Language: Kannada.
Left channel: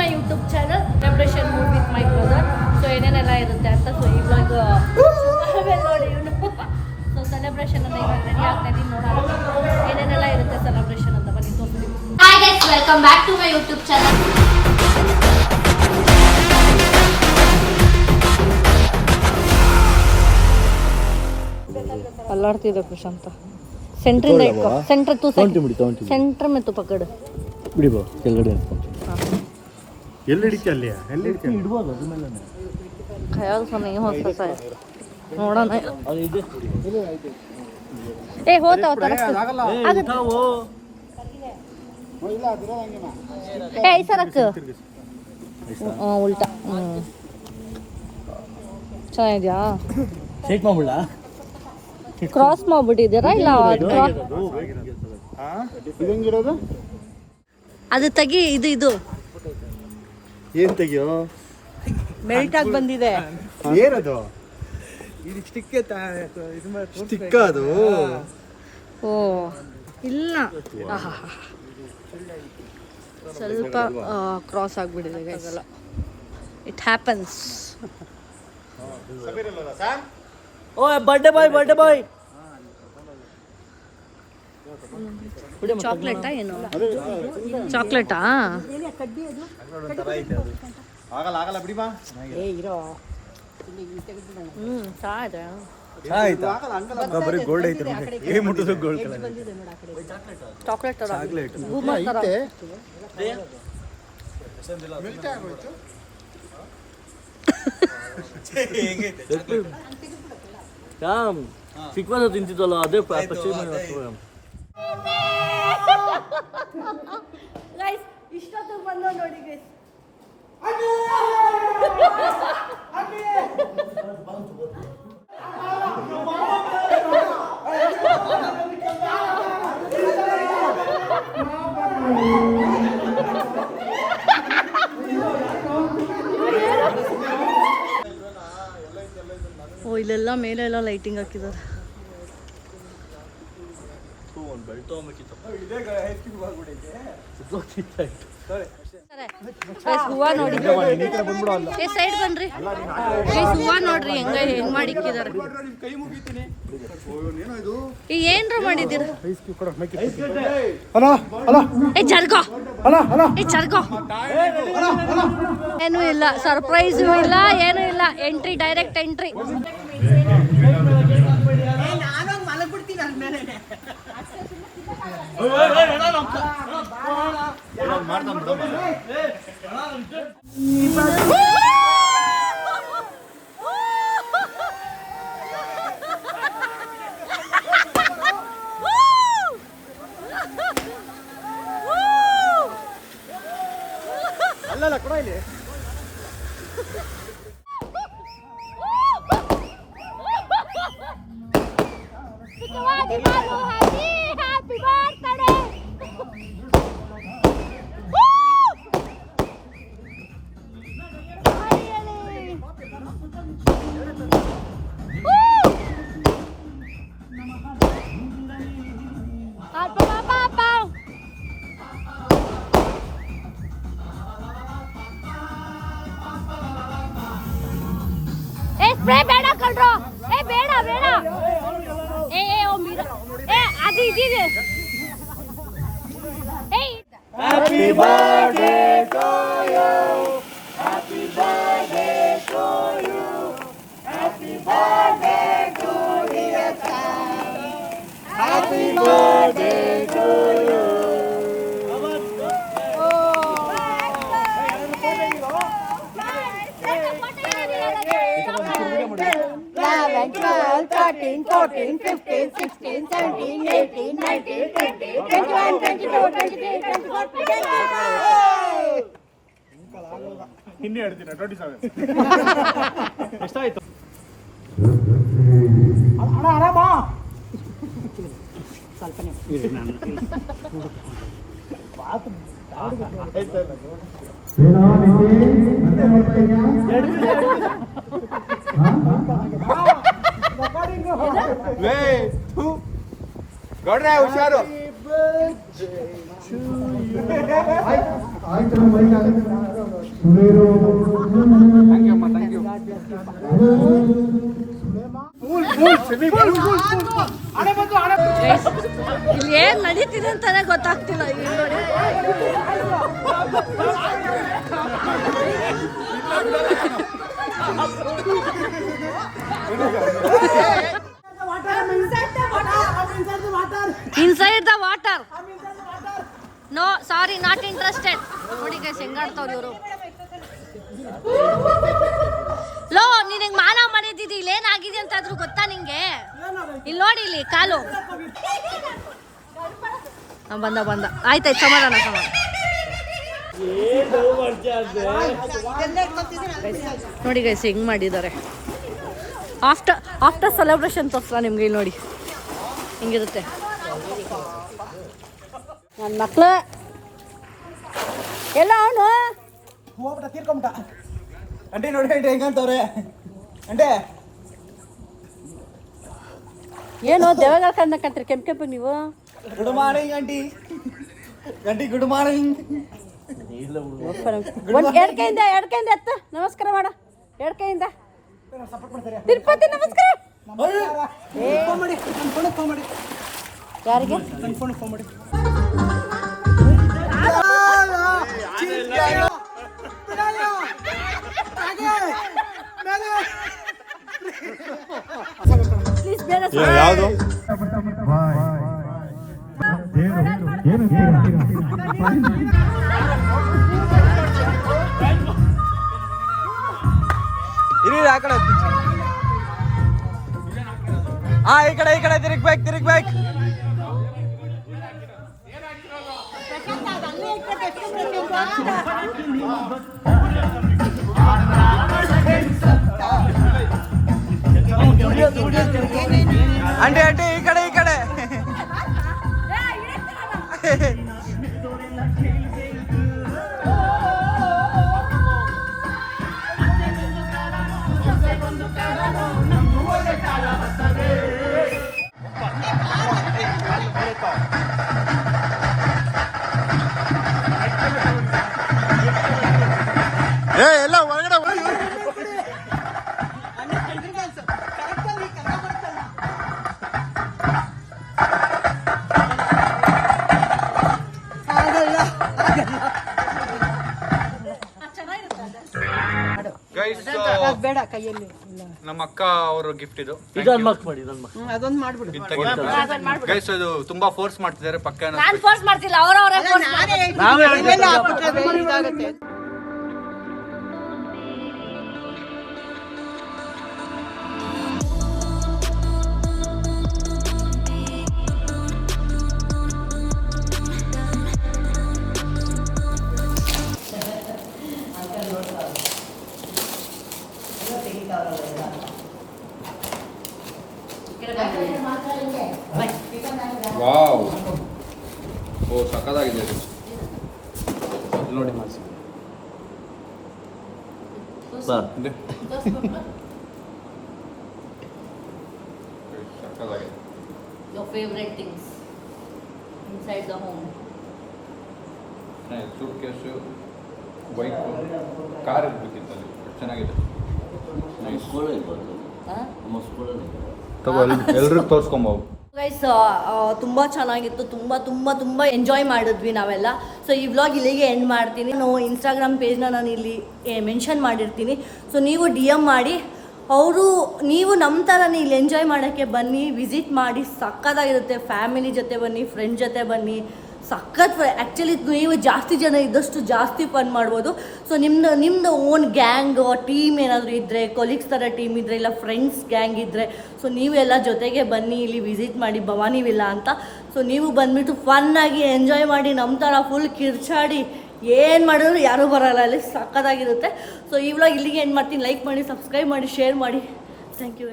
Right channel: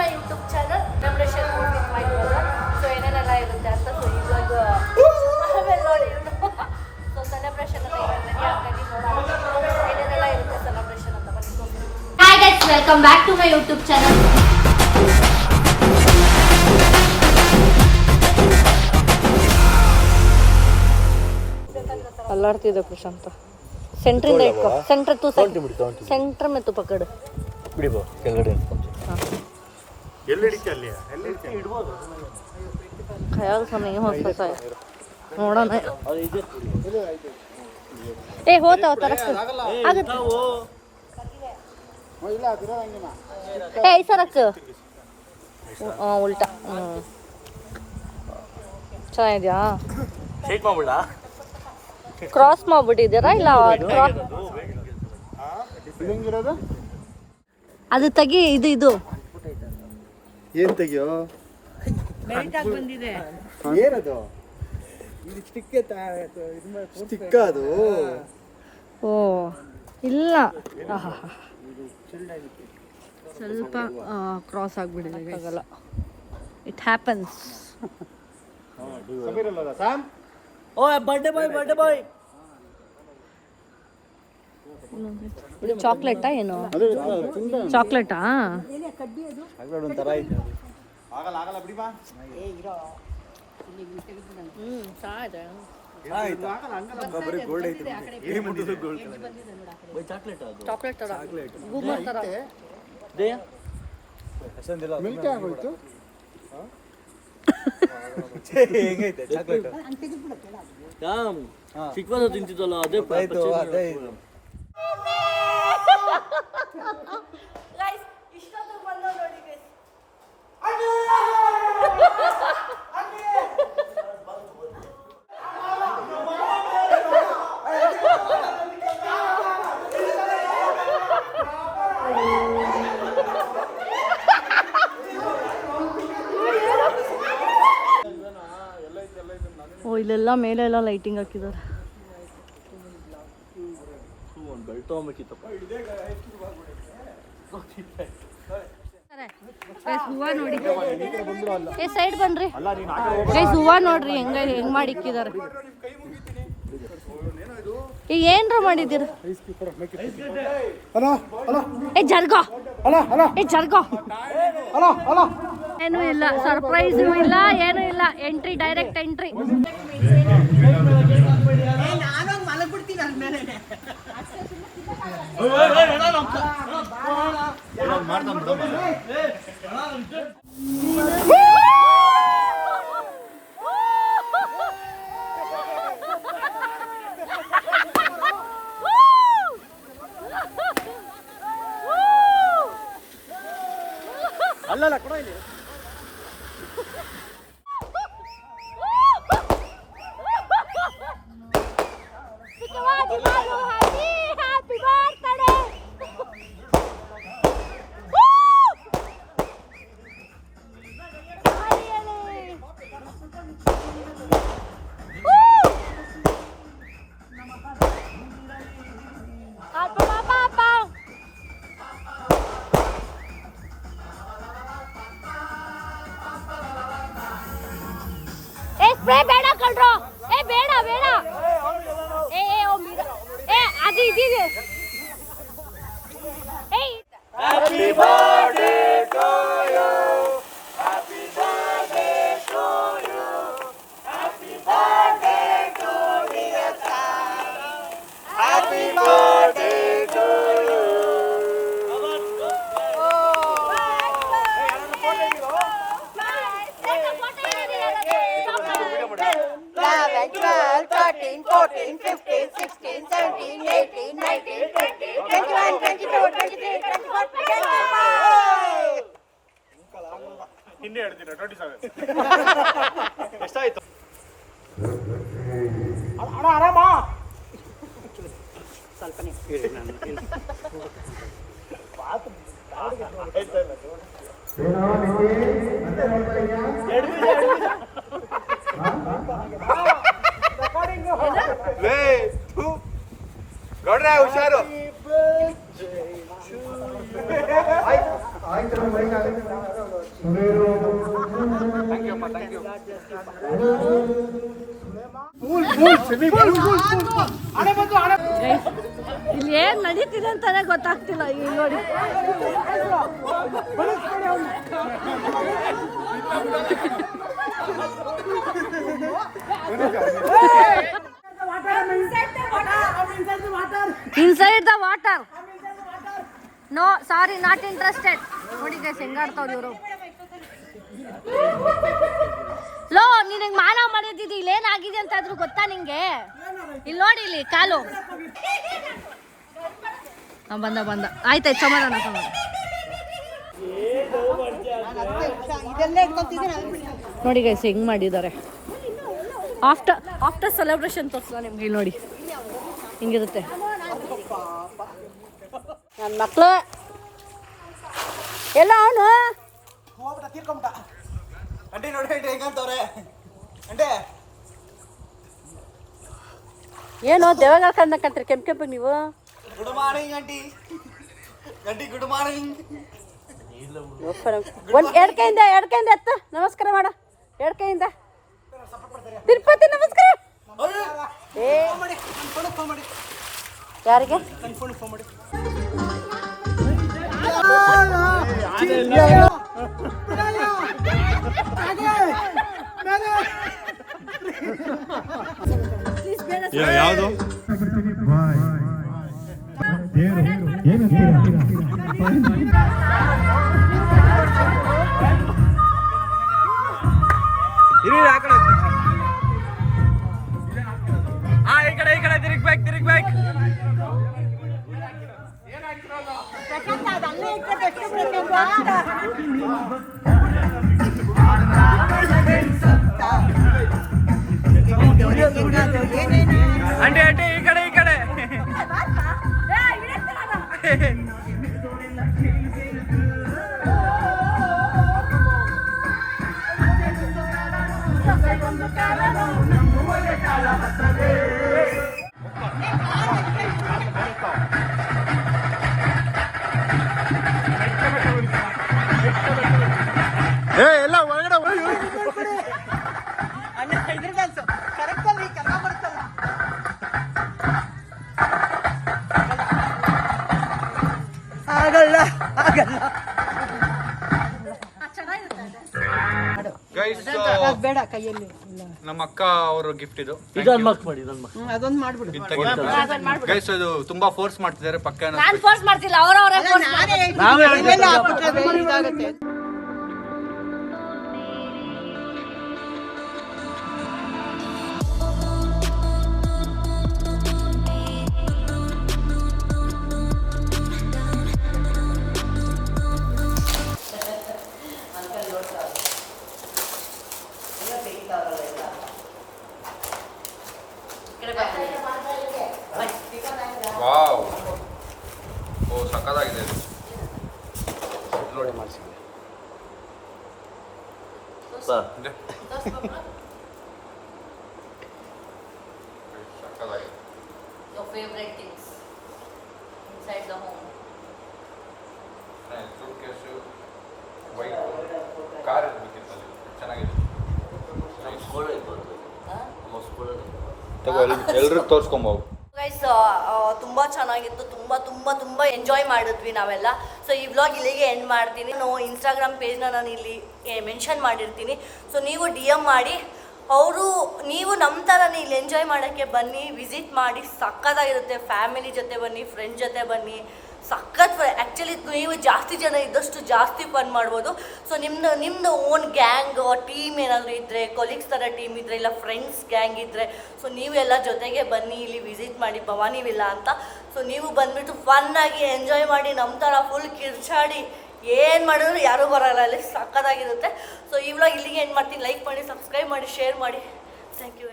My YouTube channel celebration mood with my brother. So ಏನೇನೆಲ್ಲ ಇರುತ್ತೆ ಅಂತ ಸೊ ಇವಾಗ ನೋಡಿ ಇವನು ಸೊ ಸೆಲೆಬ್ರೇಷನ್ ಅಂತ ಇವಾಗ ರೆಡಿ ಆಗ್ತಾ ಇದ್ದೀನಿ. ನೋಡೋಣ ಏನೇನೆಲ್ಲ ಇರುತ್ತೆ ಸೆಲೆಬ್ರೇಷನ್ ಅಂತ ಬನ್ನಿ ತೋರಿಸ್ತೀನಿ. Hi guys, welcome back to my YouTube channel. Centre to centre में तो पकड़ ಬಿಡಿಬೋ ಕೆಳಗಡೆ ಎಲ್ಲಿ ಹಿಡಿಕೆ ಅಲ್ಲಿ ಎಲ್ಲಿ ಹಿಡಿಕೆ ಇಡಬಹುದು ಅದ್ರ ಮೇಲೆ ಏ ಹೋಗ್ತಾ ಅದಾಗಲ್ಲ ಉಠಾವೋ ಏ ಐಸಾ ರख ಐಸಾ ಉಲ್ಟಾ ಚೆನ್ನಾಗಿದ್ಯಾ ಶೇಕ್ ಮಾಡ್ಬಿಡಾ ಕ್ರಾಸ್ ಮಾಡ್ಬಿಟ್ಟಿದ್ದೀರಾ ಇಲ್ಲ ಅದು ತೆಗಿ ಇದು ಏನ್ ತೆಗಿಯೋ ಮೆಲ್ಟ್ ಆಗಿ ಬಂದಿದೆ ಏನದು ಸ್ಟಿಕ್ ಅದು ಓ ಇಲ್ಲ ಸ್ವಲ್ಪ ಕ್ರಾಸ್ ಆಗಿಬಿಟ್ಟಿದೆ ಆಗಲ್ಲ it happens oh birthday boy ಚಾಕ್ಲೇಟಾ ಏನು ಚಾಕ್ಲೇಟಾ ಆಗಲ್ಲ ಬಿಡಿ ಬಾ ಸಾಯ್ತಾ ಬರೀ ಗೋಲ್ಡ್ ಐತೆ ಏ ಮುಟ್ಟೋದು ಗೋಲ್ಡ್ ಕಲರ್ ಚಾಕ್ಲೇಟ್ ತರ ಬೂಮರ್ ತರ ಮಿಲ್ಕ್ ಆಗೋಯ್ತು ರಾಮ್ ಚಿಕ್ಕವಾದ ತಿಂತಿದ್ದಲ್ಲ ಅದೇ ಪರ್ಚೇಸ್ ಮಾಡಿ ಗೈಸ್ ಇಷ್ಟೊತ್ತು ಬಂದೋ ನೋಡಿ ಗೈಸ್ ಓ ಇಲ್ಲೆಲ್ಲ ಮೇಲೆಲ್ಲ ಲೈಟಿಂಗ್ ಹಾಕಿದ್ದಾರೆ. ಹೂವ ನೋಡಿ ಏ ಸೈಡ್ ಬನ್ರಿ ಗೈಸ್, ಹೂವ ನೋಡ್ರಿ ಹೆಂಗ್ ಮಾಡಿಕ್ಕಿದ್ದಾರೆ. ಏನ್ರ ಮಾಡಿದ್ದೀರ ಏ ಜರ್ಗೋ ಏ ಜರ್ಗೋ. ಏನೂ ಇಲ್ಲ, ಸರ್ಪ್ರೈಸು ಇಲ್ಲ, ಏನೂ ಇಲ್ಲ. Entry, direct entry. ಅಲ್ಲಲ್ಲ ಕೊಡ ಇಲ್ಲಿ Happy birthday to you. Happy birthday to you. Happy birthday to dear son. Happy birthday to you. Eleven, 12, 13, 14, 15, 16, 17, 18, 19, 20, 21, 22, 23, 24, 25. ಹಿಂದೆ ಹೇಳ್ತೀನಿ 27. ಎಷ್ಟಾಯ್ತು? ಆರಾಮ ಸ್ವಲ್ಪನೇ ನಾನು ಗೌಡ್ರೆ ಹುಷಾರು. Guys, ಇಲ್ಲಿ ಏನ್ ನಡೀತಿದೆ ಅಂತಾನೆ ಗೊತ್ತಾಗ್ತಿಲ್ಲ ಇಲ್ಲಿ ನೋಡಿ. Inside the water. No, sorry, not interested. ನೋಡಿ ಗೈಸ್ ಹೆಂಗಾಡ್ತಾವ್ರಿ ಇವರು. ಲೋ ನಿನಗೆ ಮಾನ ಮಾಡಿದ್ದಿದ್ದು ಇಲ್ಲಿ ಏನಾಗಿದೆ ಅಂತ ಆದ್ರೂ ಗೊತ್ತಾ ನಿಂಗೆ? ಇಲ್ಲಿ ನೋಡಿ ಇಲ್ಲಿ ಕಾಲು ಬಂದ ಆಯ್ತಾಯ್ತು ಸಮಾಧಾನ. ನೋಡಿ ಗೈಸ್ ಹೆಂಗ್ ಮಾಡಿದ್ದಾರೆ. ಆಫ್ಟರ್ ಸೆಲೆಬ್ರೇಷನ್ ತೋರ್ಸಲ್ಲ ನಿಮ್ಗೆ. ಇಲ್ಲಿ ನೋಡಿ ಹಿಂಗಿರುತ್ತೆ. ನನ್ನ ಮಕ್ಳು ಎಲ್ಲ ಅವನು ಹೋಗ್ಬಿಟ್ಟ ತೀರ್ಕೊಂಬಿಟ್ಟ. ಅಂಟಿ ನೋಡಿ ಅಂಟಿ ಹೆಂಗಂತವ್ರೆ ಅಂಟೆ. ಏನೋ ದೇವಾಗ ಕಂಡ ಕಟ್ರಿ ಕೆಂಪು ನೀವು. Good morning aunty. Aunty good morning. ಎಡ್ಕೈಯಿಂದ ಎತ್ತ ನಮಸ್ಕಾರ ಮಾಡ. ಎಡ್ಕೈಯಿಂದ ತಿರುಪತಿ ನಮಸ್ಕಾರ. ಫೋನ್ ಮಾಡಿ ಫೋನ್ ಮಾಡಿ. ಯಾರಿಗೆ ಫೋನ್ ಮಾಡಿ. ಯಾವುದು ಇರಿ ಆ ಕಡೆ. ಈ ಕಡೆ ತಿರುಗ್ಬೇಕು. ಆಂಟಿ ಈ ಕಡೆ. ಎಲ್ಲ ಹೊರಗಡೆ ಬೇಡ ಕೈಯಲ್ಲಿ. ನಮ್ಮ ಅಕ್ಕ ಅವ್ರ ಗಿಫ್ಟ್ ಇದು. ಅದೊಂದು ಮಾಡ್ಬಿಡು. ಗೈಸ್ ಇದು ತುಂಬಾ ಫೋರ್ಸ್ ಮಾಡ್ತಿದ್ದಾರೆ ಪಕ್ಕ. ನಾನು ಫೋರ್ಸ್ ಮಾಡ್ತಿಲ್ಲ, ಅವರವರೇ ಇದಾಗುತ್ತೆ. ವಾವ್, ಓ ಸಕ್ಕತ್ತಾಗಿದೆ ಇದು. ನೋಡಿ ಸಕ್ಕತ್ತಾಗಿದೆ. Your favorite things inside the home. Suitcase, bike, car ಇರ್ಬೇಕಿತ್ತು ಅಲ್ಲಿ. ಚೆನ್ನಾಗಿದೆ. ಎಲ್ಲರೂ ತೋರಿಸ್ಕೊಂಬೋದು. ಗೈಸ್ ತುಂಬ ಚೆನ್ನಾಗಿತ್ತು. ತುಂಬ ಎಂಜಾಯ್ ಮಾಡಿದ್ವಿ ನಾವೆಲ್ಲ. ಸೊ ಈ ವ್ಲಾಗ್ ಇಲ್ಲಿಗೆ ಎಂಡ್ ಮಾಡ್ತೀನಿ. ನಾವು ಇನ್ಸ್ಟಾಗ್ರಾಮ್ ಪೇಜ್ನ ನಾನು ಇಲ್ಲಿ ಮೆನ್ಷನ್ ಮಾಡಿರ್ತೀನಿ. ಸೊ ನೀವು DM ಮಾಡಿ. ನೀವು ನಮ್ಮ ಥರನೇ ಇಲ್ಲಿ ಎಂಜಾಯ್ ಮಾಡೋಕ್ಕೆ ಬನ್ನಿ, ವಿಸಿಟ್ ಮಾಡಿ. ಸಕ್ಕತ್ತಾಗಿರುತ್ತೆ. ಫ್ಯಾಮಿಲಿ ಜೊತೆ ಬನ್ನಿ, ಫ್ರೆಂಡ್ ಜೊತೆ ಬನ್ನಿ. ಸಖತ್ ಆ್ಯಕ್ಚುಲಿ ನೀವು ಜಾಸ್ತಿ ಜನ ಇದ್ದಷ್ಟು ಜಾಸ್ತಿ ಫನ್ ಮಾಡ್ಬೋದು. ಸೊ ನಿಮ್ಮದು ಓನ್ ಗ್ಯಾಂಗ್ ಟೀಮ್ ಏನಾದರೂ ಇದ್ದರೆ, ಕೊಲೀಗ್ಸ್ ಥರ ಟೀಮ್ ಇದ್ದರೆ, ಇಲ್ಲ ಫ್ರೆಂಡ್ಸ್ ಗ್ಯಾಂಗ್ ಇದ್ದರೆ, ಸೊ ನೀವೆಲ್ಲ ಜೊತೆಗೆ ಬನ್ನಿ, ಇಲ್ಲಿ ವಿಸಿಟ್ ಮಾಡಿ ಭವಾನಿ ವಿಲ್ಲಾ ಅಂತ. ಸೊ ನೀವು ಬಂದುಬಿಟ್ಟು ಫನ್ನಾಗಿ ಎಂಜಾಯ್ ಮಾಡಿ, ನಮ್ಮ ಥರ ಫುಲ್ ಕಿರ್ಚಾಡಿ ಏನು ಮಾಡಿದ್ರು ಯಾರೂ ಬರೋಲ್ಲ ಅಲ್ಲಿ. ಸಕ್ಕತ್ತಾಗಿರುತ್ತೆ. ಸೊ ಈ ವ್ಲಾಗ್ ಇಲ್ಲಿಗೆ ಎಂಡ್ ಮಾಡ್ತೀನಿ. ಲೈಕ್ ಮಾಡಿ, ಸಬ್ಸ್ಕ್ರೈಬ್ ಮಾಡಿ, ಶೇರ್ ಮಾಡಿ. Thank you.